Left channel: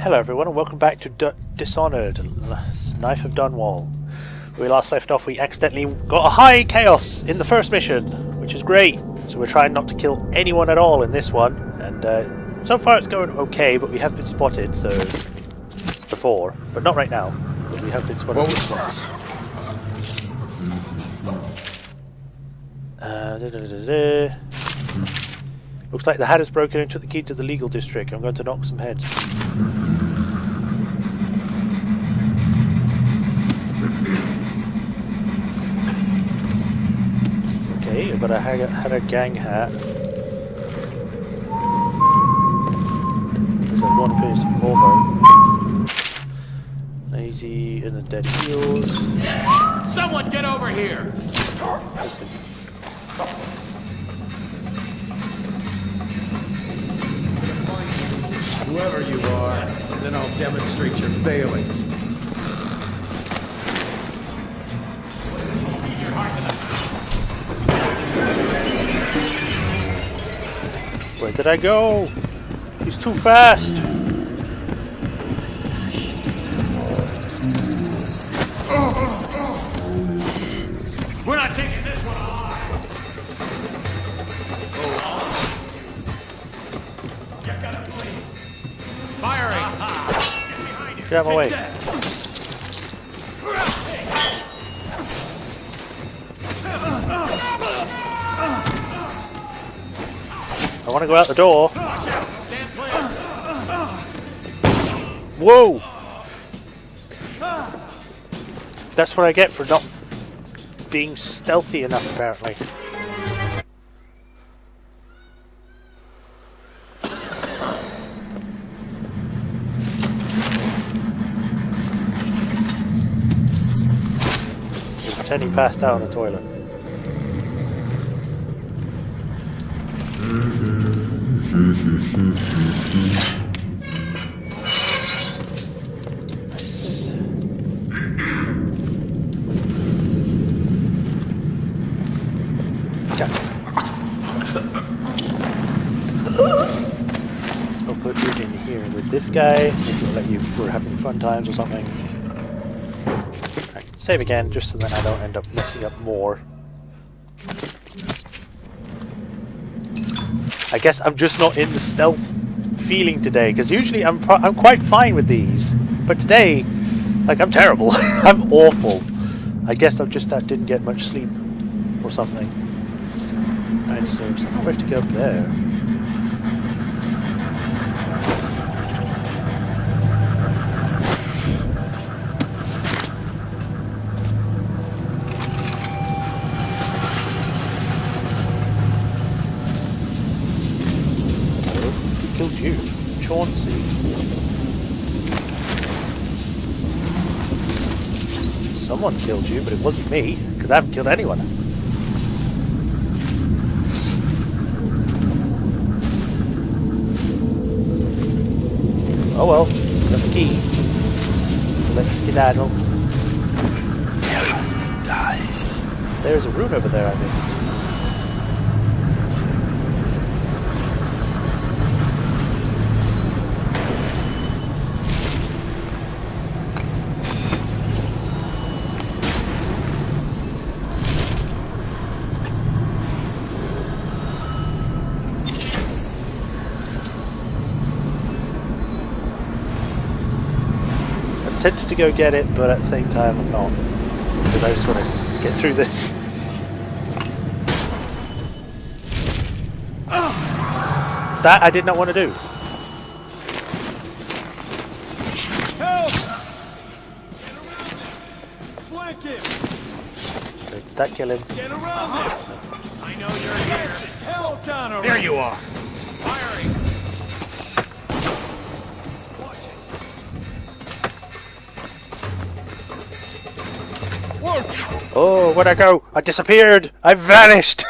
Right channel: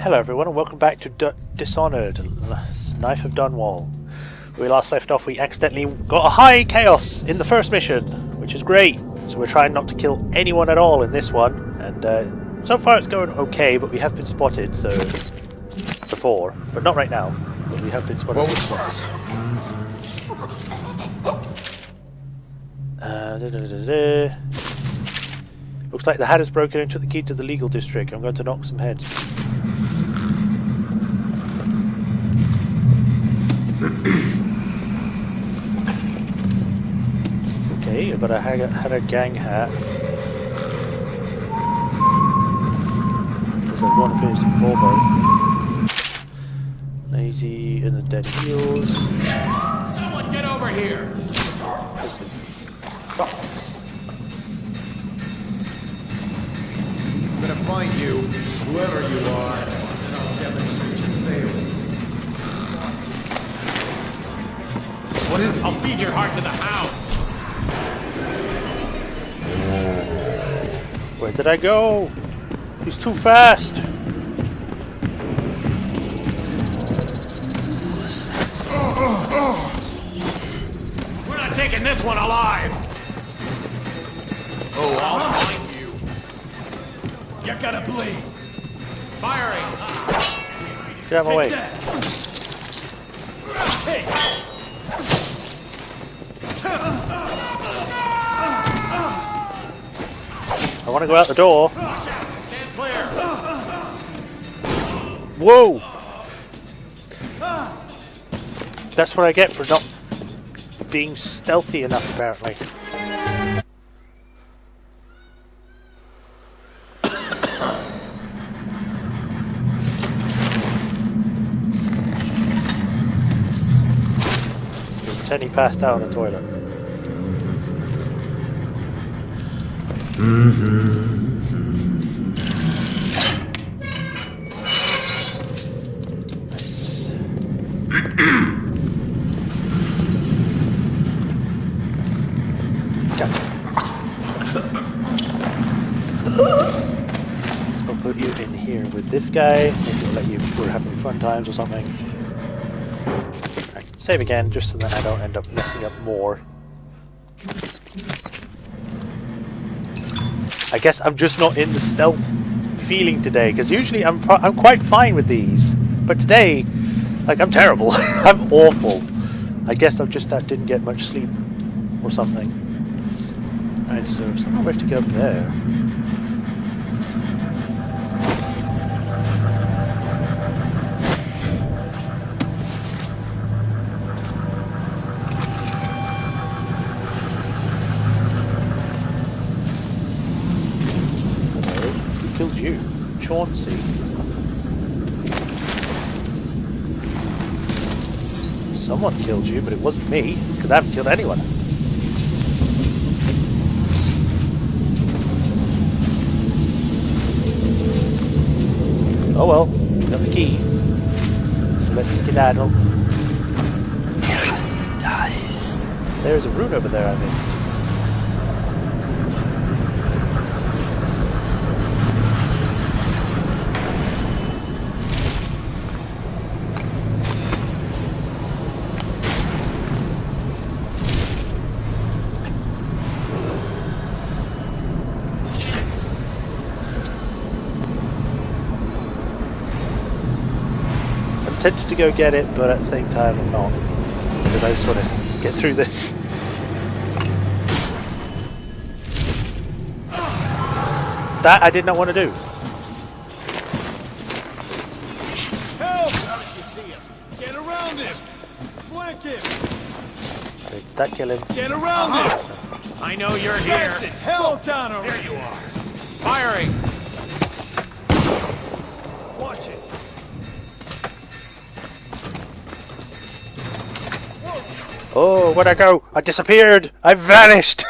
Hello everyone and welcome back to Dishonored, Knife of Dunwall. Where we last left off, we accidentally got a high chaos in the first mission, which is great. So we're trying not to kill anyone at all in this one, and so far it's going okay, but we have been spotted, so... before, but not right now, but we have been spotted once. Looks like the hat has broken and took the key to the legal district. I'm going to knock some heads. Okay, I've got a had a gang hat. There's a one piece Volvo. Lazy and the dead heels. Someone get over here! I'm gonna find you, whoever you are, and then I'll demonstrate your failings. What is? I'll feed your heart to the hound! Where did I go? He's too fast! We're not taking this one alive! Oh, I'll find you! You gotta bleed! Firing! Get out of my way. I want to go out the door. Watch out! Stand clear! Whoa! That's what I get for not being stealthy enough, apparently. Pretend he passed out on the toilet. Nice. I'll put you in here with this guy. Maybe it'll let you if we're having fun times or something. Right, save again, just so that I don't end up messing up more. I guess I'm just not in the stealth feeling today, because usually I'm quite fine with these, but today, like, I'm terrible. I'm awful. I guess I just didn't get much sleep or something. Alright, so somehow we have to get up there. Killed you, Chauncey. Someone killed you, but it wasn't me, because I haven't killed anyone. Oh well, got the key. So let's skedaddle. There's a rune over there I missed. I'm tempted to go get it, but at the same time I'm not, because I just want to get through this. That I did not want to do. Help! Get around him! Flank him! Okay, did that kill him? Get around him! I know you're here. Hell down around. There you are. Firing. Watch it. Oh, where'd I go? I disappeared! I vanished!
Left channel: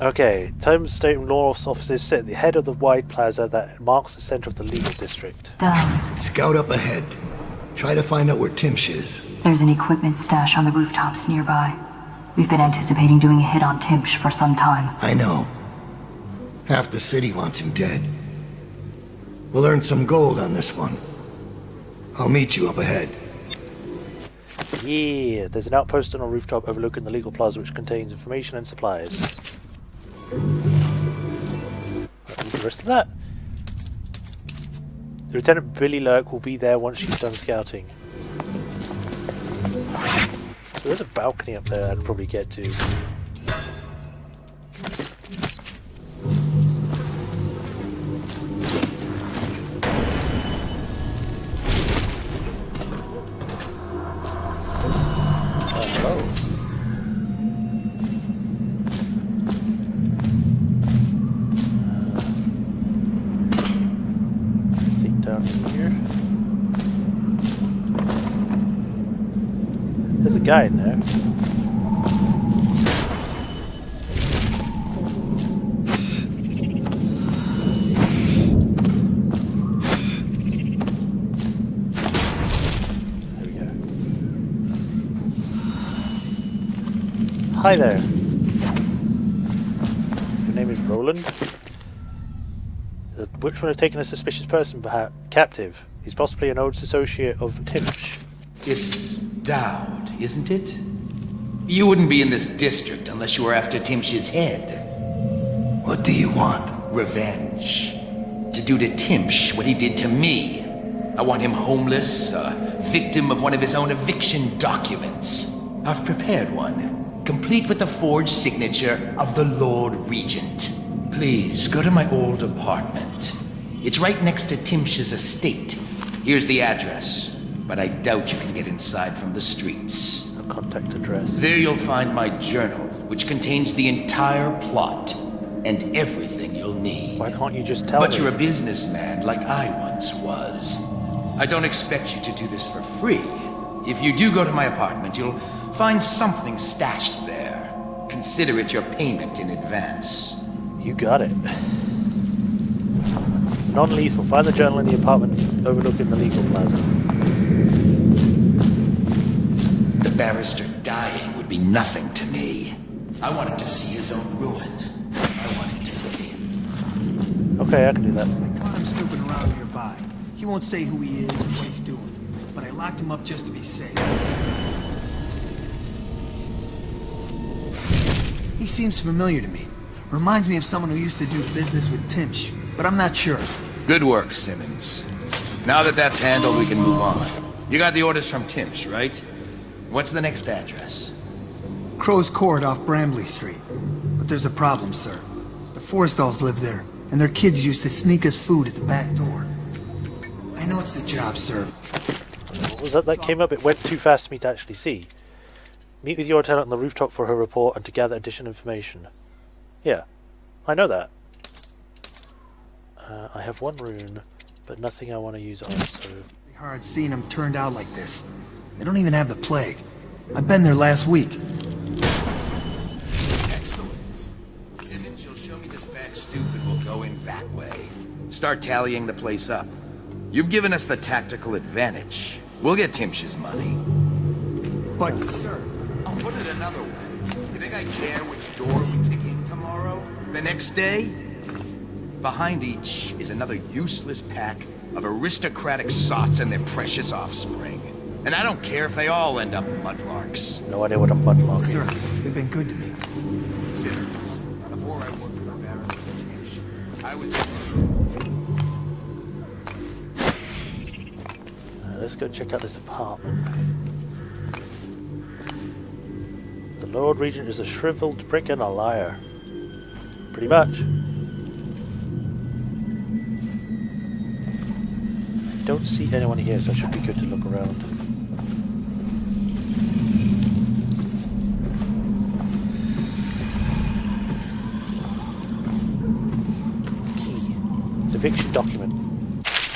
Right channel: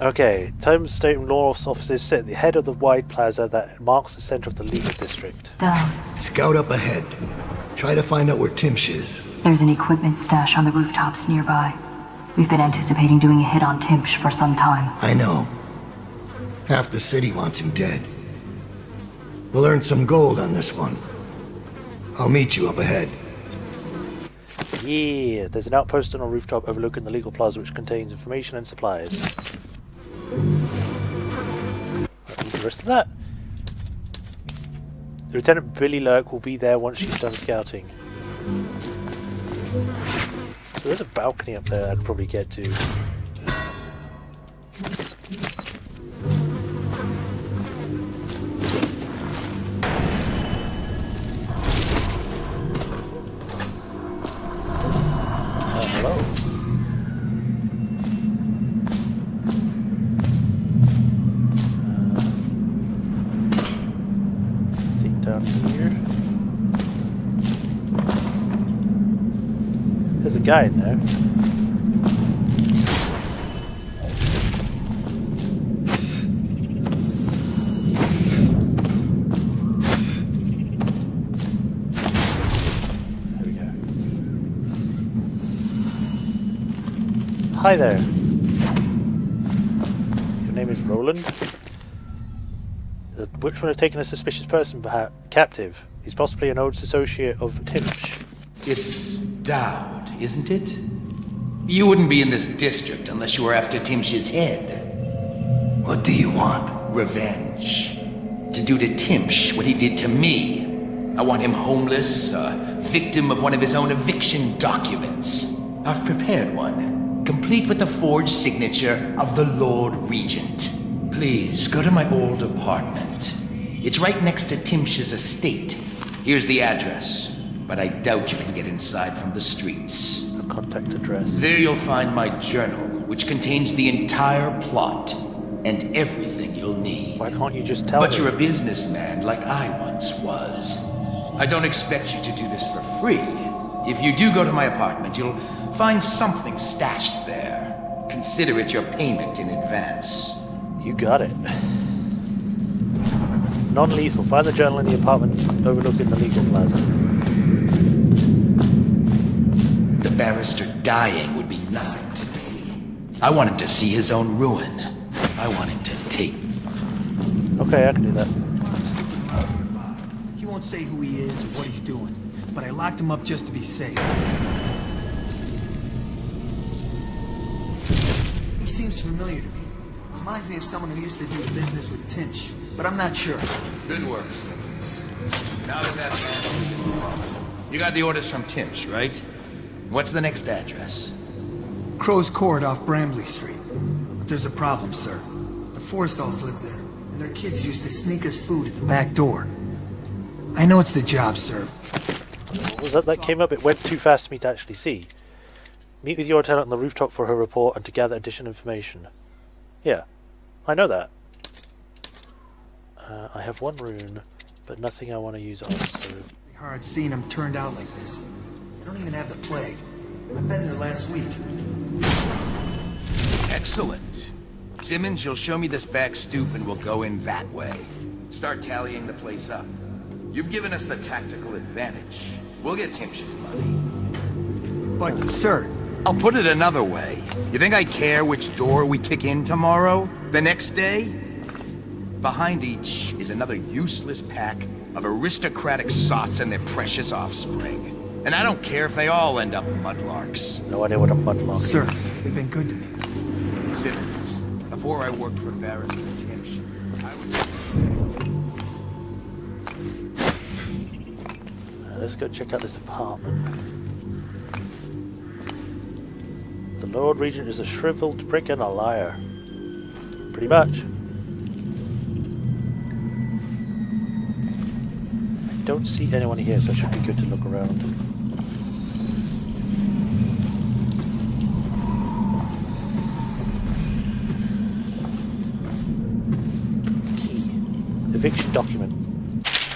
Okay, Thames State Law's offices sit at the head of the wide plaza that marks the center of the legal district. Done. Scout up ahead. Try to find out where Timsh is. There's an equipment stash on the rooftops nearby. We've been anticipating doing a hit on Timsh for some time. I know. Half the city wants him dead. We'll earn some gold on this one. I'll meet you up ahead. Yeah, there's an outpost on a rooftop overlooking the legal plaza which contains information and supplies. What was the rest of that? Lieutenant Billy Lurk will be there once she's done scouting. So there's a balcony up there I'd probably get to. Hello. Think down here. There's a guy in there. Hi there. Your name is Roland? The Witchman has taken a suspicious person captive. He's possibly an old associate of Timsh. It's Daud, isn't it? You wouldn't be in this district unless you were after Timsh's head. What do you want? Revenge. To do to Timsh what he did to me. I want him homeless, a victim of one of his own eviction documents. I've prepared one, complete with the forged signature of the Lord Regent. Please, go to my old apartment. It's right next to Timsh's estate. Here's the address, but I doubt you can get inside from the streets. A contact address. There you'll find my journal, which contains the entire plot and everything you'll need. Why can't you just tell me? But you're a businessman like I once was. I don't expect you to do this for free. If you do go to my apartment, you'll find something stashed there. Consider it your payment in advance. You got it. Non-lethal. Find the journal in the apartment overlooking the legal plaza. The barrister dying would be nothing to me. I want him to see his own ruin. I want him to take... Okay, I can do that. I'm snooping around nearby. He won't say who he is or what he's doing, but I locked him up just to be safe. He seems familiar to me. Reminds me of someone who used to do business with Timsh, but I'm not sure. Good work, Simmons. Now that that's handled, we can move on. You got the orders from Timsh, right? What's the next address? Crow's Court off Bramley Street. But there's a problem, sir. The Forrestalls live there, and their kids used to sneak us food at the back door. I know it's the job, sir. What was that came up? It went too fast for me to actually see. Meet with your tenant on the rooftop for her report and to gather additional information. Yeah, I know that. I have one rune, but nothing I want to use on, so... It's hard seeing them turned out like this. They don't even have the plague. I've been there last week. Excellent. Simmons, you'll show me this back stoop and we'll go in that way. Start tallying the place up. You've given us the tactical advantage. We'll get Timsh's money. But, sir... I'll put it another way. You think I care which door we kick in tomorrow? The next day? Behind each is another useless pack of aristocratic sots and their precious offspring. And I don't care if they all end up mudlarks. No idea what a mudlark is. Sir, they've been good to me. Simmons, before I worked for Barrett Timsh, I was... Let's go check out this apartment. The Lord Regent is a shriveled prick and a liar. Pretty much. I don't see anyone here, so it should be good to look around. Key. Eviction document.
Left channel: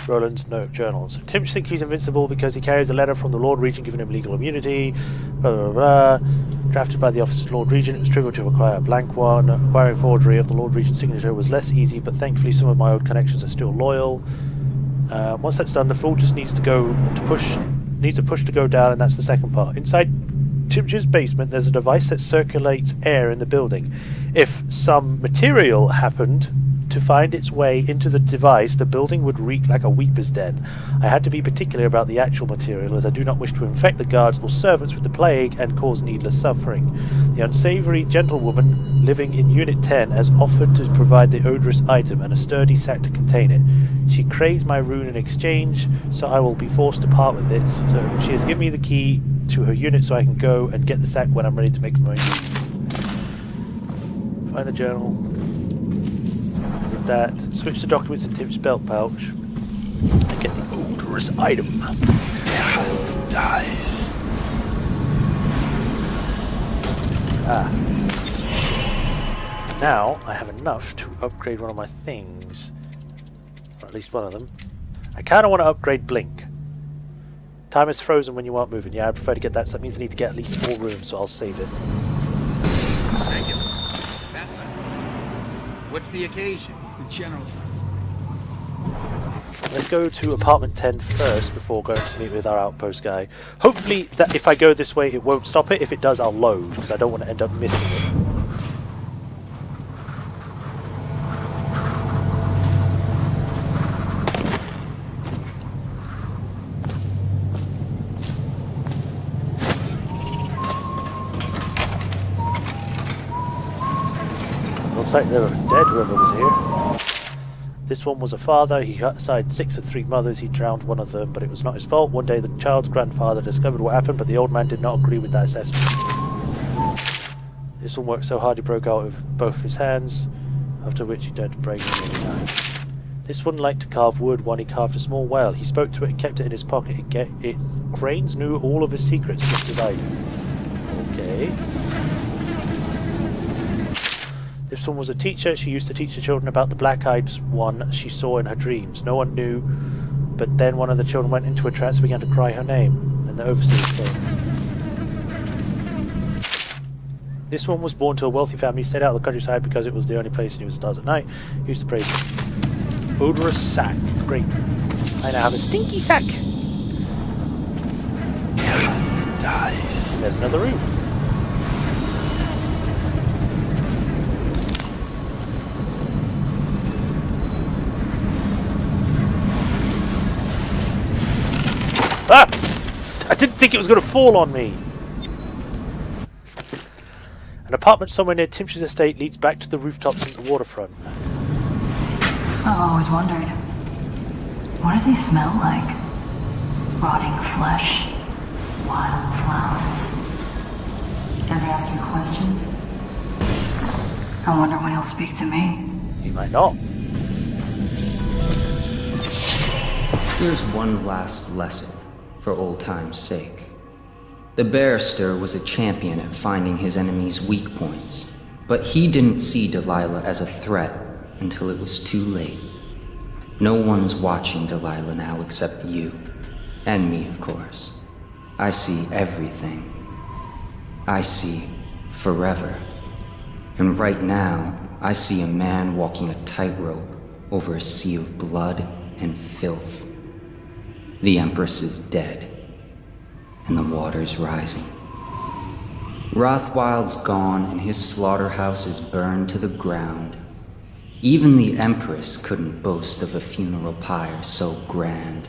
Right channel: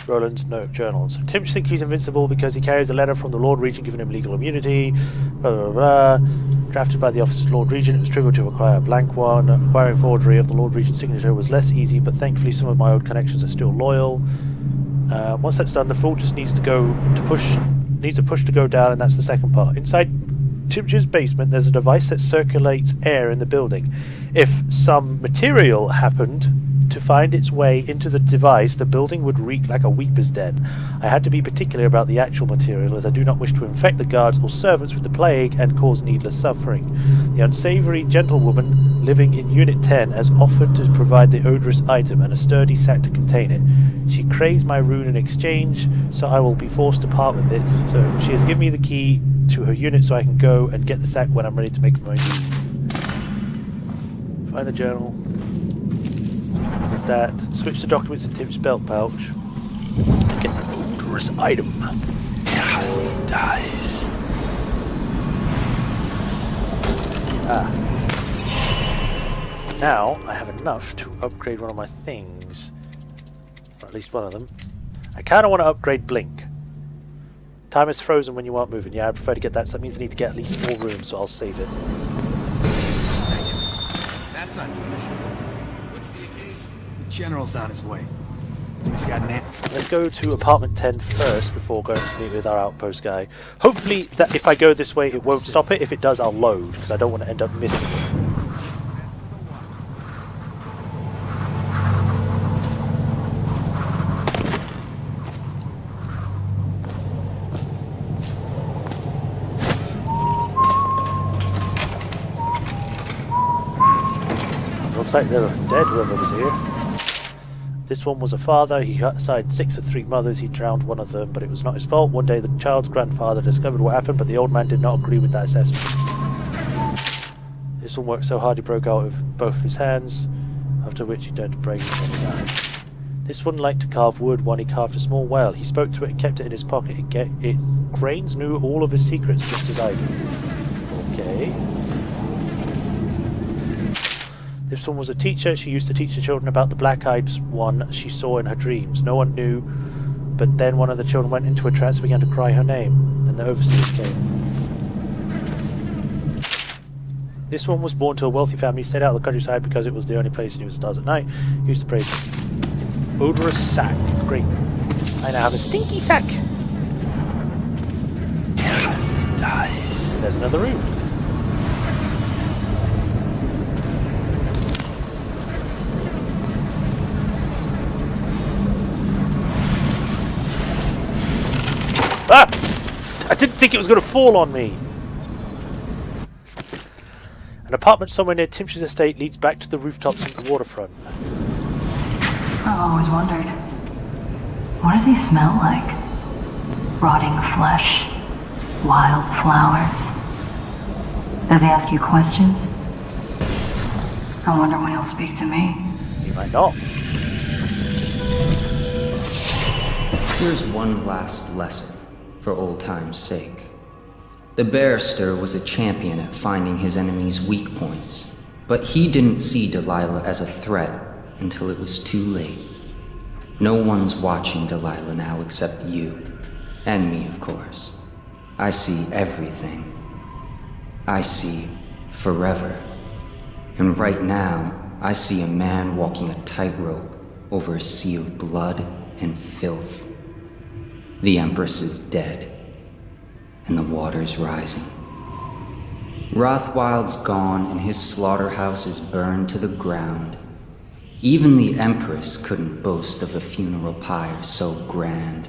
Roland's note journal. So Timsh thinks he's invincible because he carries a letter from the Lord Regent giving him legal immunity. Blah blah blah. Drafted by the office of Lord Regent, it was trivial to acquire a blank one. Acquiring forgery of the Lord Regent's signature was less easy, but thankfully some of my old connections are still loyal. Once that's done, the fool just needs a push to go down, and that's the second part. Inside Timsh's basement, there's a device that circulates air in the building. If some material happened to find its way into the device, the building would reek like a weeper's den. I had to be particular about the actual material, as I do not wish to infect the guards or servants with the plague and cause needless suffering. The unsavory gentlewoman living in Unit 10 has offered to provide the odorous item and a sturdy sack to contain it. She craves my rune in exchange, so I will be forced to part with it. So she has given me the key to her unit so I can go and get the sack when I'm ready to make my use. Find the journal. Did that. Switch the documents in Tim's belt pouch. And get the odorous item. Nice. Now I have enough to upgrade one of my things. Or at least one of them. I kind of want to upgrade Blink. Time is frozen when you aren't moving. Yeah, I prefer to get that, so that means I need to get at least 4 rooms, so I'll save it. Thank you. That's unusual. What's the occasion? The general's on his way. He's got an... Let's go to apartment 10 first before going to meet with our outpost guy. Hopefully that if I go this way it won't stop it. If it does, I'll load, because I don't want to end up missing it. Looks like they were dead, whoever was here. This one was a father. He had 6 of 3 mothers. He drowned one of them, but it was not his fault. One day the child's grandfather discovered what happened, but the old man did not agree with that assessment. This one worked so hard he broke out of both his hands, after which he turned to brain and then he died. This one liked to carve wood. One he carved a small whale. He spoke to it and kept it in his pocket. Its grains knew all of his secrets just as I did. Okay. This one was a teacher. She used to teach the children about the black-eyed one she saw in her dreams. No one knew, but then one of the children went into a trance and began to cry her name. Then the overseers came. This one was born to a wealthy family, stayed out of the countryside because it was the only place he knew the stars at night. He used to pray. Odorous sack. Great. I now have a stinky sack. Nice. There's another room. Ah! I didn't think it was going to fall on me. An apartment somewhere near Timsh's estate leads back to the rooftops and the waterfront. I've always wondered, what does he smell like? Rotting flesh? Wild flowers? Does he ask you questions? I wonder when he'll speak to me. He might not. Here's one last lesson, for old time's sake. The barrister was a champion at finding his enemy's weak points, but he didn't see Delilah as a threat until it was too late. No one's watching Delilah now except you. And me, of course. I see everything. I see forever. And right now, I see a man walking a tightrope over a sea of blood and filth. The Empress is dead, and the water's rising. Rothwild's gone, and his slaughterhouse is burned to the ground. Even the Empress couldn't boast of a funeral pyre so grand.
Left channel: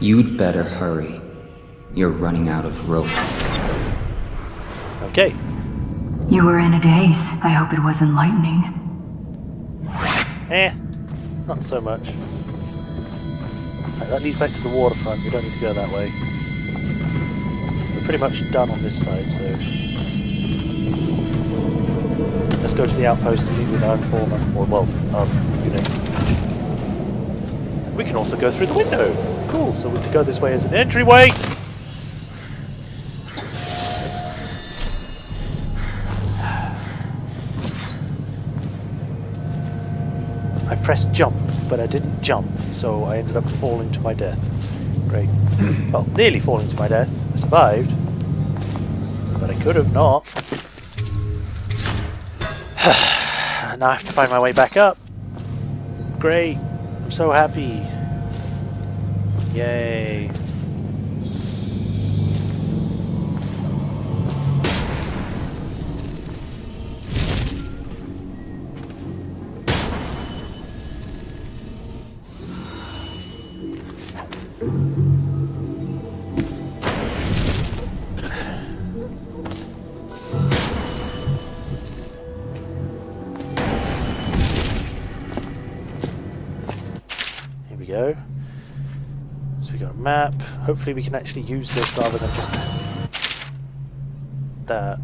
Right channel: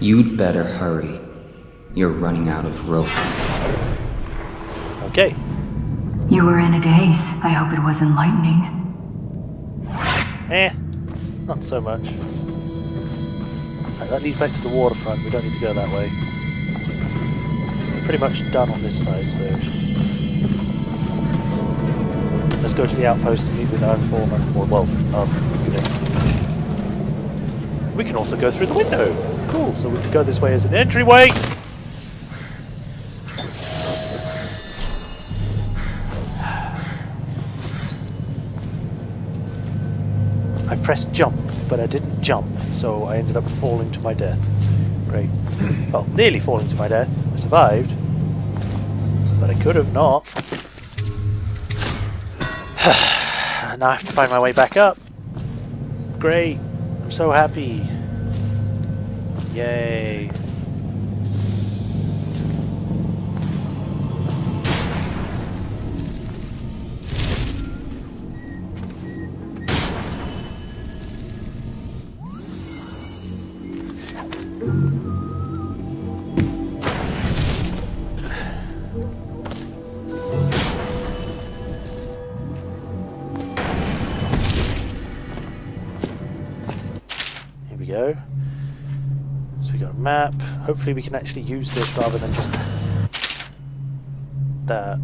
You'd better hurry. You're running out of rope. Okay. You were in a daze. I hope it was enlightening. Not so much. Right, that leads back to the waterfront. We don't need to go that way. We're pretty much done on this side, so... Let's go to the outpost and meet with our informer. Or, well, our unit. We can also go through the window! Cool, so we can go this way as an entryway! I pressed jump, but I didn't jump, so I ended up falling to my death. Great. Well, nearly falling to my death. I survived. But I could have not. Now I have to find my way back up. Great. I'm so happy. Yay. Here we go. So we got a map. Hopefully we can actually use this rather than just that.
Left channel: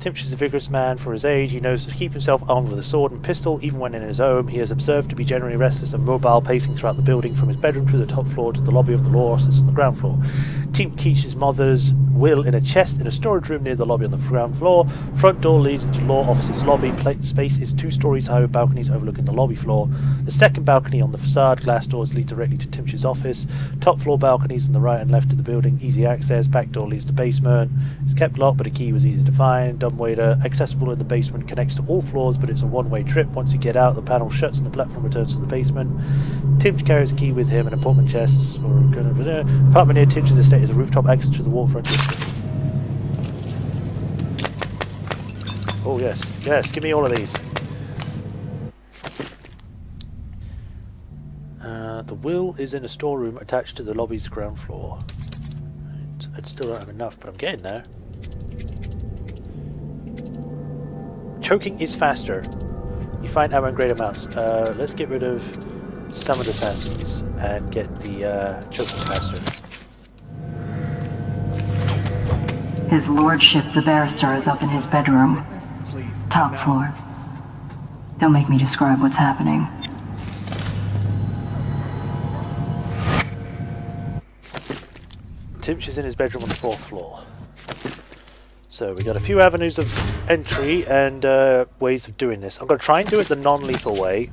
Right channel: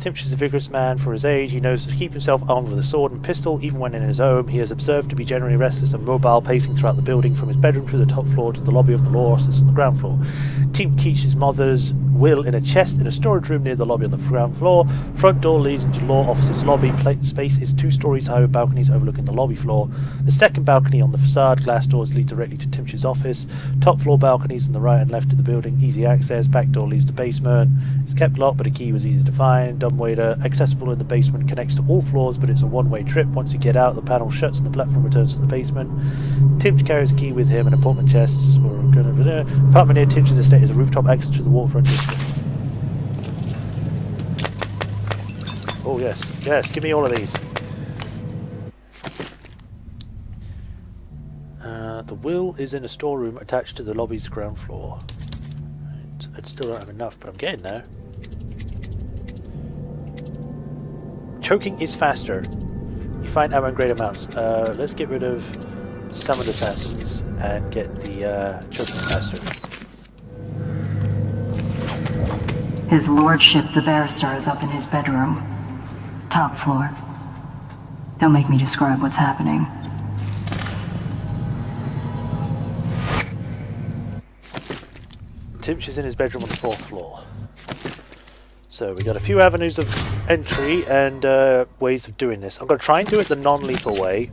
Timch is a vigorous man for his age. He knows to keep himself armed with a sword and pistol, even when in his home. He is observed to be generally restless and mobile, pacing throughout the building from his bedroom to the top floor to the lobby of the law offices on the ground floor. Timch keeps his mother's will in a chest in a storage room near the lobby on the ground floor. Front door leads into law offices lobby. Space is 2 stories high with balconies overlooking the lobby floor. The second balcony on the facade. Glass doors lead directly to Timch's office. Top floor balconies on the right and left of the building. Easy access. Back door leads to basement. It's kept locked, but a key was easy to find. Dumbwaiter accessible in the basement, connects to all floors, but it's a one-way trip. Once you get out, the panel shuts and the platform returns to the basement. Timch carries a key with him, an apartment chest or apartment near Timch's estate is a rooftop access to the waterfront district. Oh yes, yes, give me all of these. The will is in a storeroom attached to the lobby's ground floor. I still don't have enough, but I'm getting there. Choking is faster. You find ammo in great amounts. Let's get rid of some of the assassins and get the choking faster. His lordship, the barrister, is up in his bedroom. Top floor. Don't make me describe what's happening. Timch is in his bedroom on the 4th floor. So we got a few avenues of entry and ways of doing this. I'm going to try and do it the non-lethal way.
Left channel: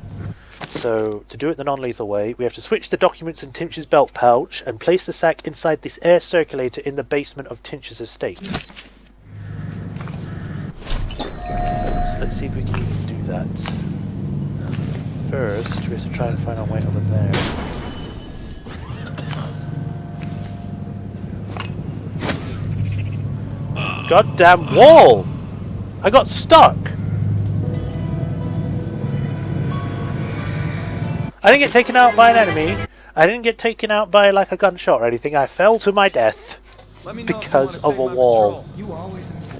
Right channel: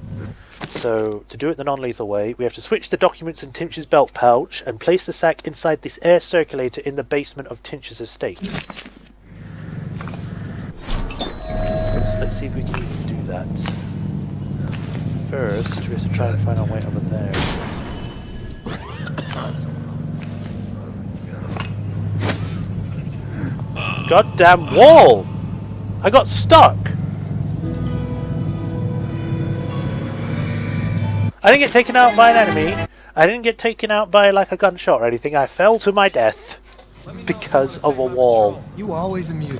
So to do it the non-lethal way, we have to switch the documents in Timch's belt pouch and place the sack inside this air circulator in the basement of Timch's estate. So let's see if we can do that. First, we have to try and find our way over there. Goddamn wall! I got stuck! I didn't get taken out by an enemy. I didn't get taken out by like a gunshot or anything. I fell to my death because of a wall. You always amuse.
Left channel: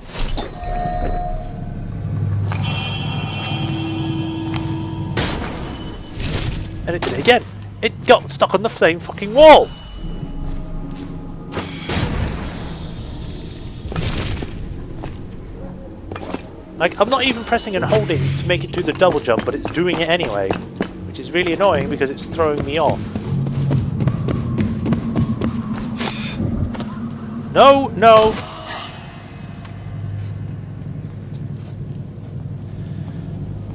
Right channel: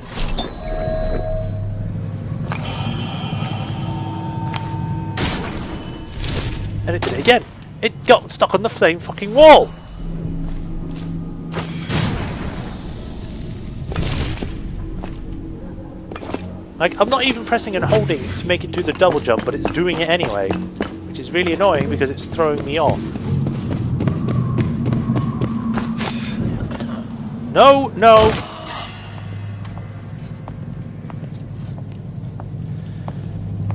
And it did it again. It got stuck on the same fucking wall! Like, I'm not even pressing and holding to make it do the double jump, but it's doing it anyway. Which is really annoying because it's throwing me off. No, no!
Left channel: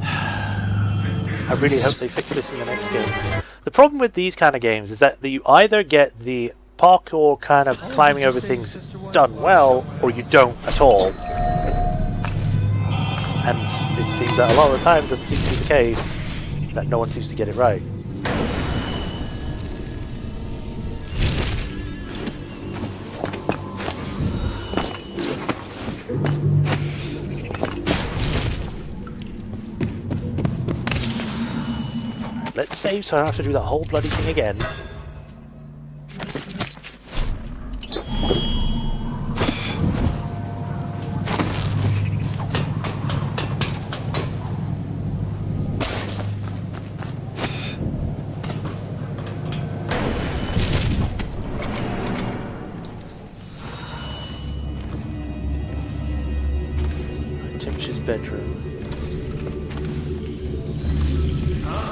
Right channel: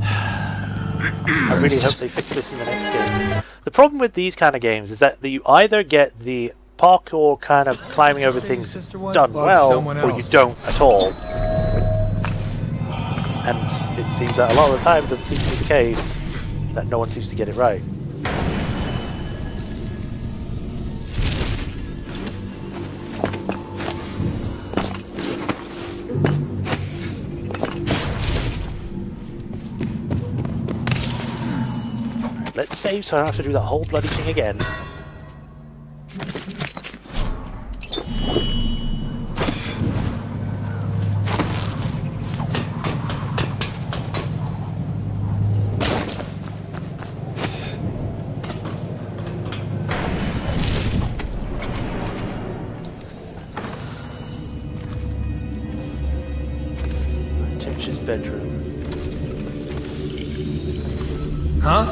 I really hope they fix this in the next game. The problem with these kind of games is that you either get the parkour kind of climbing over things done well, or you don't at all. And it seems that a lot of the time it doesn't seem to be the case, that no one seems to get it right. Right, let's save so I don't have to do that whole bloody thing again. Timch's bedroom. Huh?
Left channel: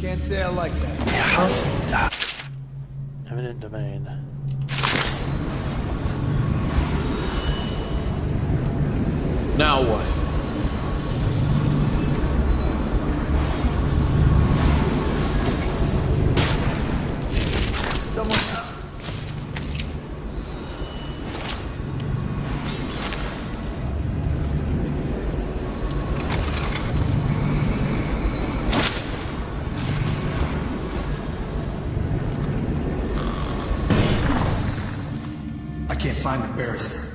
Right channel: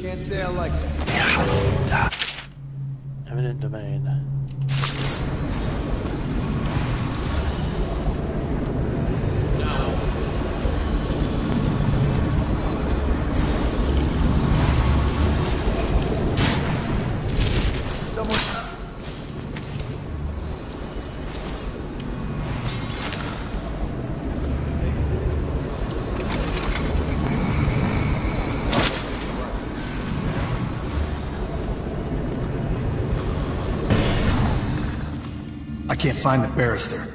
Can't say I like that. Eminent domain. Now what? Someone... I can't find the barrister.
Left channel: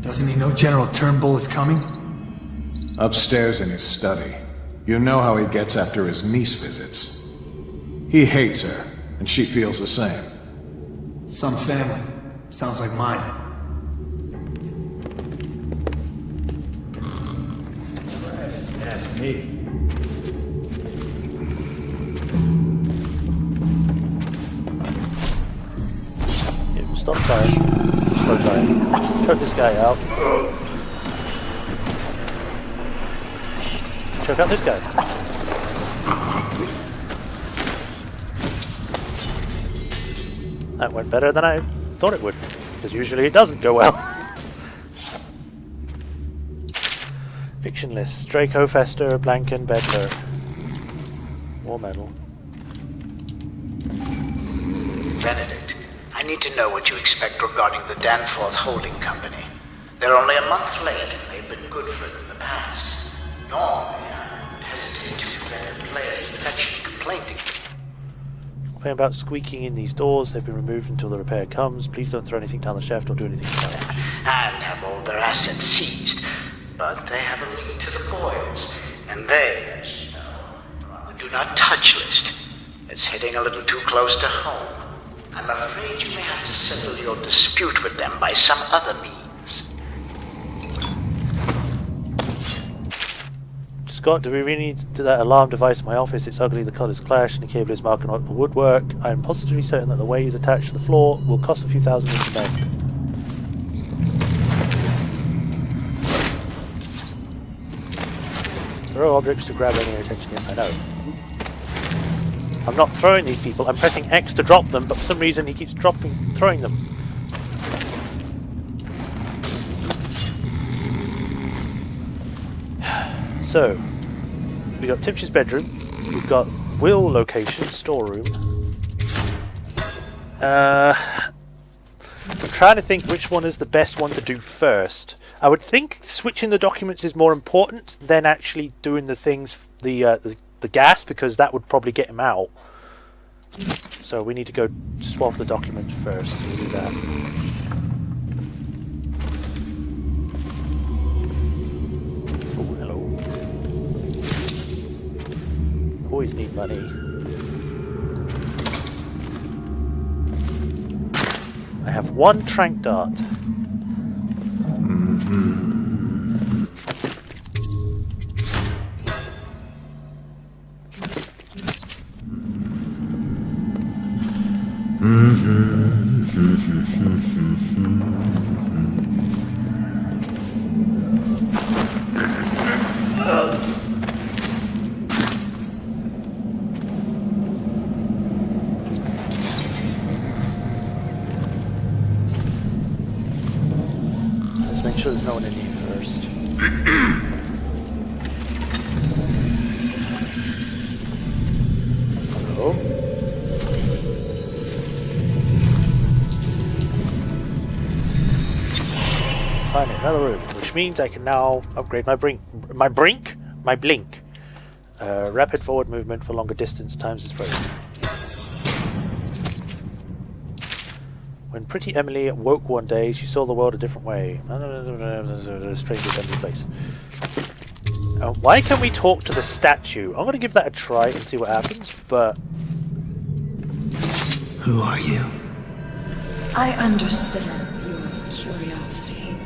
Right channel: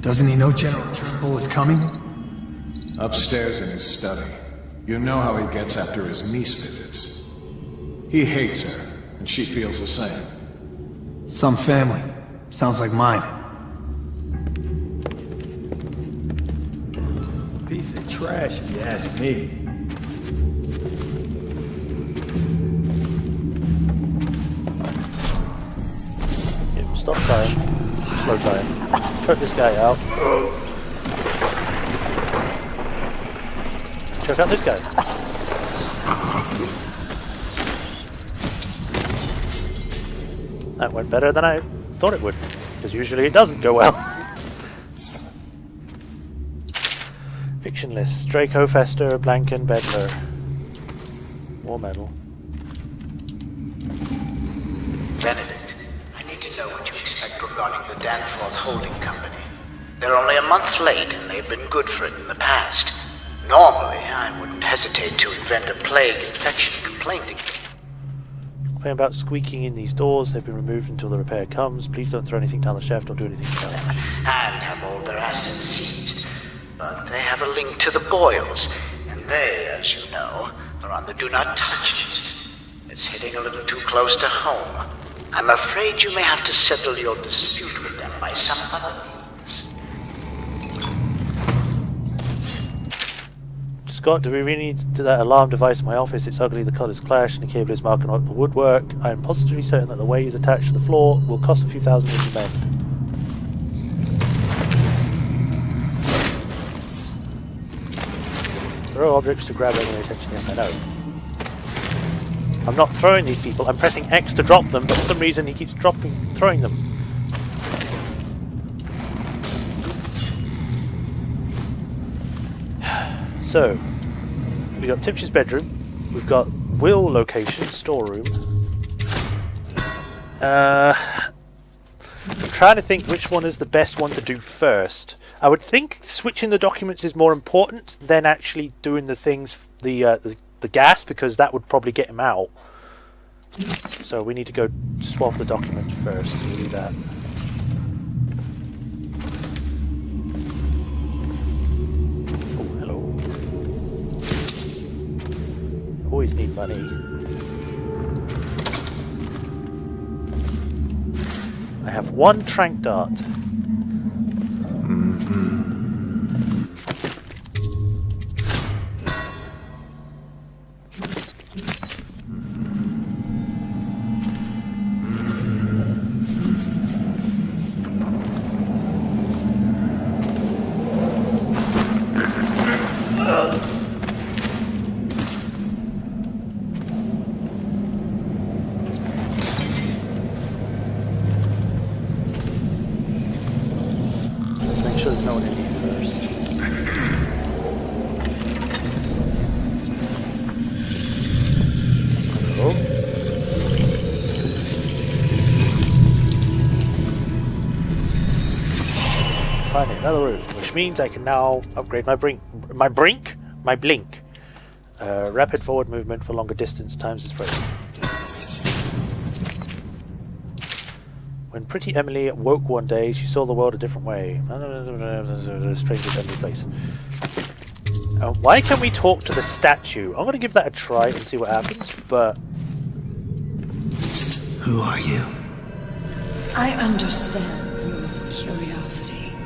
Doesn't he know General Turnbull is coming? Upstairs in his study. You know how he gets after his niece visits. He hates her, and she feels the same. Some family. Sounds like mine. Piece of trash, if you ask me. It will stop time. Slow time. Choke this guy out. Choke out this guy. That went better than I thought it would, because usually it doesn't go well. Fiction list: Draco, Fester, Blanken, Bedler. War medal. Benedict, I need to know what you expect regarding the Danforth Holding Company. They're only a month late, and they've been good for it in the past. Normally, I wouldn't hesitate to invent a plague infection complaint. Complain about squeaking in these doors. They've been removed until the repair comes. Please don't throw anything down the shaft or do anything about it. And have all their assets seized. But they have a link to the Boyles, and they, as you know, are on the Do Not Touch list. It's hitting a little too close to home. I'm afraid you may have to settle your dispute with them by some other means. Scott, do we really need to do that alarm device in my office? It's ugly, the colours clash, and the cable is marking up the woodwork. I am positively certain that the way it's attached to the floor will cost a few thousand to mend. Throw objects to grab any attention. Yes, I know. I'm not throwing these people. I'm pressing X to drop them, but for some reason he keeps throwing them. So, we got Timpsh's bedroom. We've got Will location, storeroom. I'm trying to think which one is the best one to do first. I would think switching the documents is more important than actually doing the things, the gas, because that would probably get him out. So we need to go swap the document first. So we'll do that. Oh, hello. Always need money. I have one trank dart. Let's make sure there's no one in here first. Hello? Finally, another room, which means I can now upgrade my blink. Rapid forward movement for longer distance times its rate. When pretty Emily woke one day, she saw the world a different way. A strange assembly place. Why can't we talk to the statue? I'm going to give that a try and see what happens, but... Who are you? I understand your curiosity.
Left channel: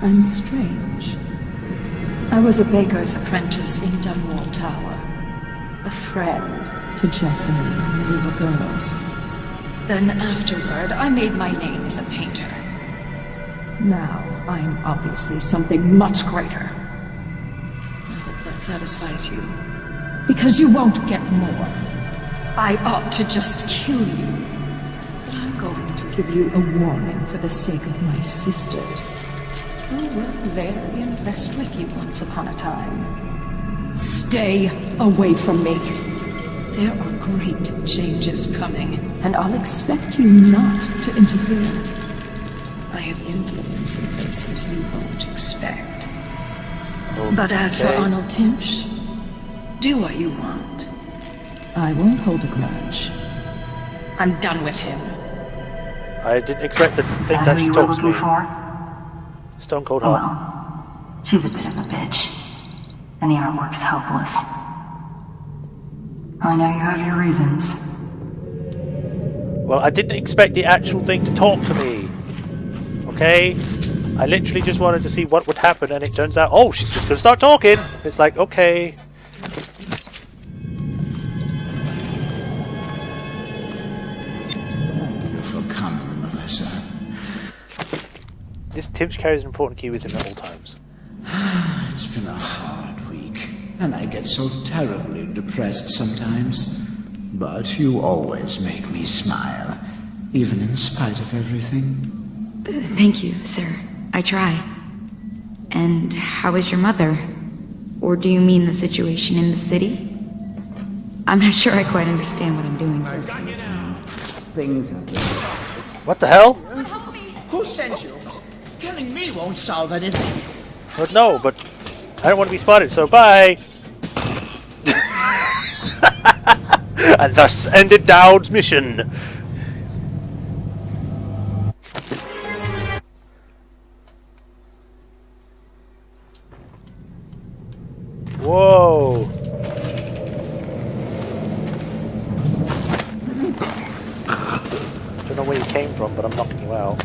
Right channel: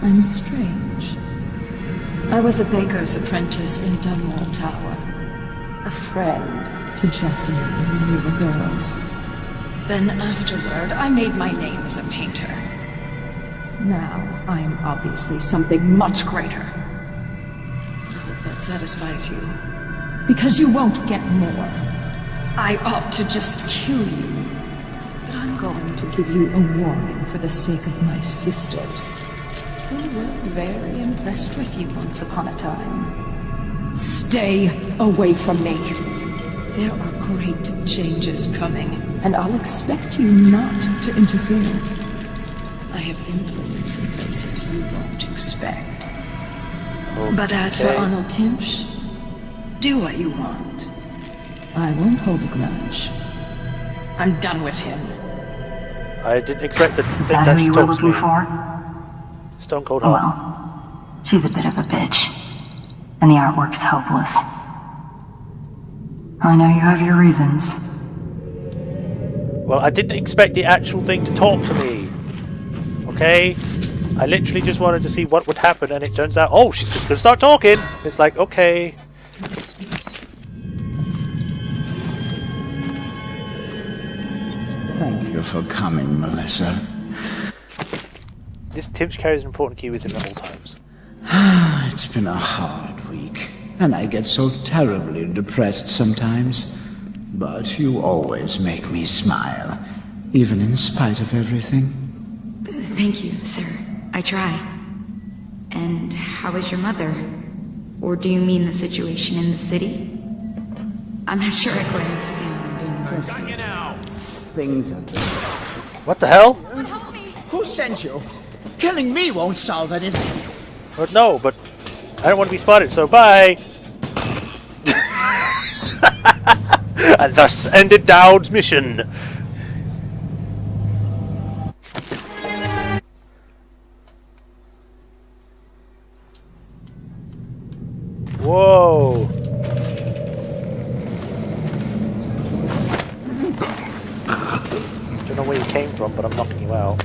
I'm strange. I was a baker's apprentice in Dunwall Tower. A friend to Jessamine when we were girls. Then afterward, I made my name as a painter. Now, I'm obviously something much greater. I hope that satisfies you. Because you won't get more. I ought to just kill you. But I'm going to give you a warning for the sake of my sisters, who were very impressed with you once upon a time. Stay away from me. There are great changes coming, and I'll expect you not to interfere. I have influence in places you won't expect. Okay. But as for Arnold Timpsh, do what you want. I won't hold a grudge. I'm done with him. I didn't expect the Is thing that that who she you were talks to looking me. for? Stone Cold Oh Heart. well. She's a bit of a bitch. and the artwork's hopeless. I know you have your reasons. Well, I didn't expect the actual thing to talk to me. Okay? I literally just wanted to see what would happen, and it turns out, oh, she's just gonna start talking! It's like, okay. Thank you for coming, Melissa. This Timsh carries an important key with him at all times. It's been a hard week, and I get so terribly depressed sometimes. But you always make me smile, even in spite of everything. Thank you, sir. I try. And how is your mother? Or do you mean the situation in the city? I'm not sure I quite understand what I'm doing. I got you now. Things are good. What the hell? Who sent you? Killing me won't solve anything. But no, but I don't want to be spotted, so bye! And thus ended Daud's mission. Whoa! Don't know where you came from, but I'm knocking you out.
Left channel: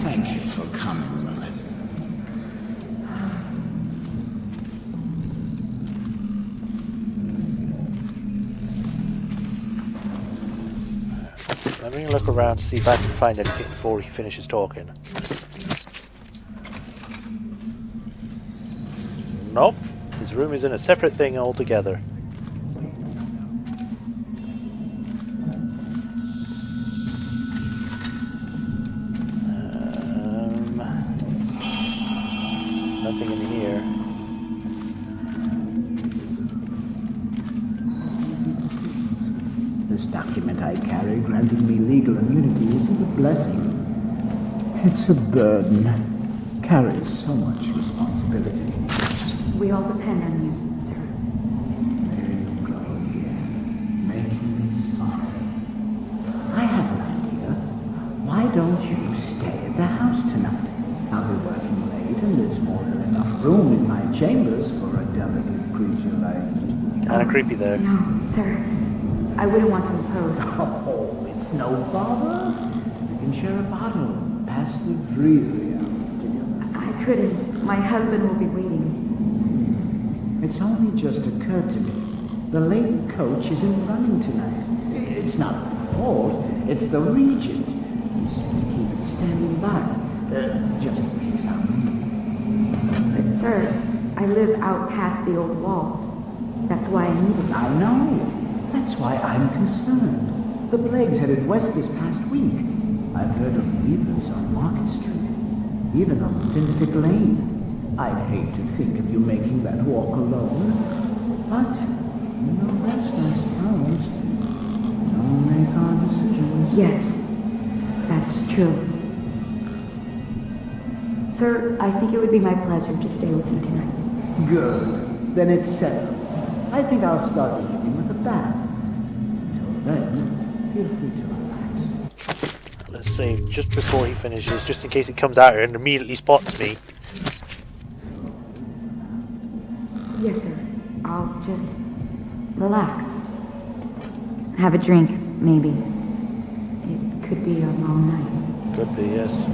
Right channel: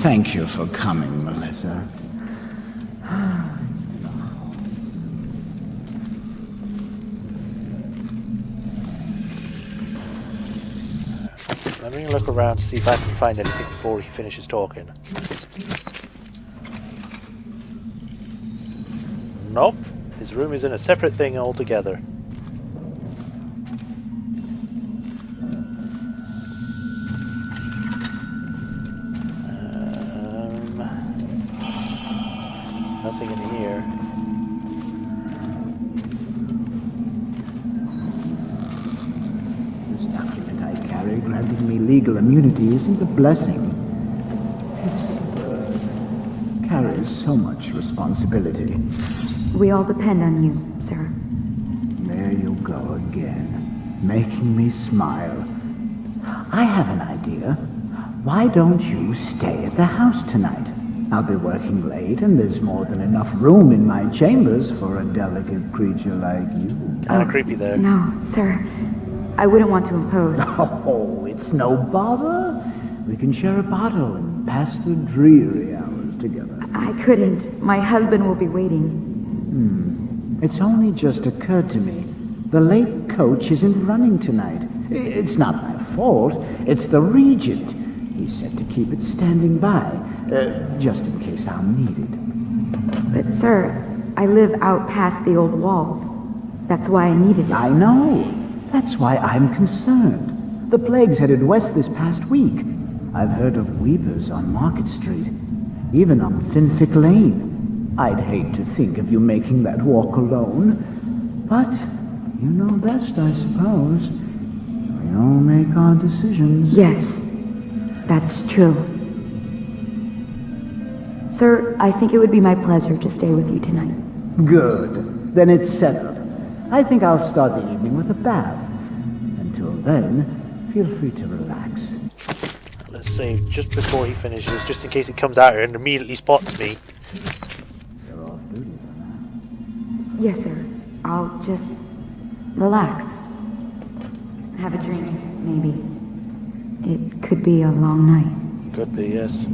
Thank you for coming, Melissa. Let me look around to see if I can find anything before he finishes talking. Nope. His room is in a separate thing altogether. Nothing in here. This document I carry granting me legal immunity isn't a blessing. It's a burden. Carries so much responsibility. We all depend on you, sir. There you go again, making me smile. I have an idea. Why don't you stay at the house tonight? I'll be working late, and there's more than enough room in my chambers for a delicate creature like you. Kinda creepy there. No, sir. I wouldn't want to impose. Oh, it's no bother. We can share a bottle and pass the dreary hours together. I couldn't. My husband will be waiting. It's only just occurred to me. The late coach isn't running tonight. It's not my fault. It's the Regent. He said to keep it standing by, just in case I'm needed. But, sir, I live out past the old walls. That's why I needed it. I know. That's why I'm concerned. The plague's headed west this past week. I've heard of weavers on Market Street, even on Finfic Lane. I'd hate to think of you making that walk alone, but you know best, I suppose. We all make our decisions. Yes, that's true. Sir, I think it would be my pleasure to stay with you tonight. Good. Then it's settled. I think I'll start the evening with a bath. Until then, feel free to relax. Let's save just before he finishes, just in case he comes out here and immediately spots me. Yes, sir. I'll just relax. Have a drink, maybe. It could be a long night. Could be, yes.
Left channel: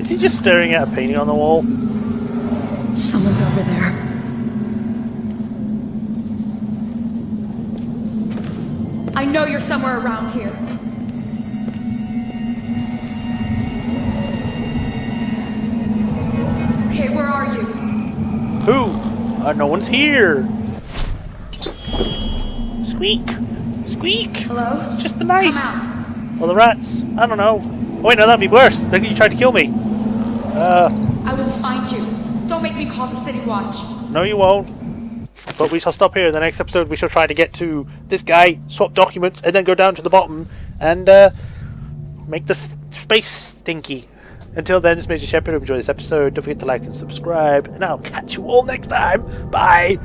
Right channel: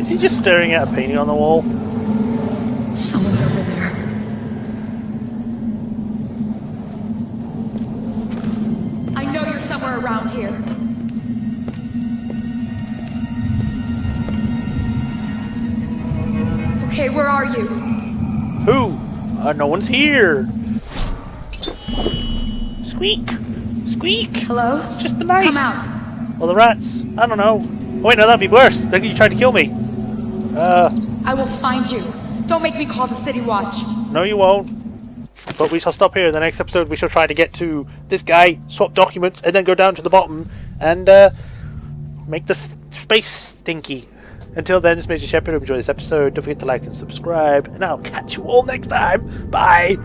Is he just staring at a painting on the wall? Someone's over there. I know you're somewhere around here. Okay, where are you? Who? No one's here. Squeak! Squeak! Hello? It's just the mice. Come out. Or the rats. I don't know. Oh, wait, no, that'd be worse. They think you tried to kill me. I will find you. Don't make me call the City Watch. No, you won't. But we shall stop here. In the next episode, we shall try to get to this guy, swap documents, and then go down to the bottom and make the space stinky. Until then, it's Majorshepard. Hope you enjoyed this episode. Don't forget to like and subscribe, and I'll catch you all next time. Bye!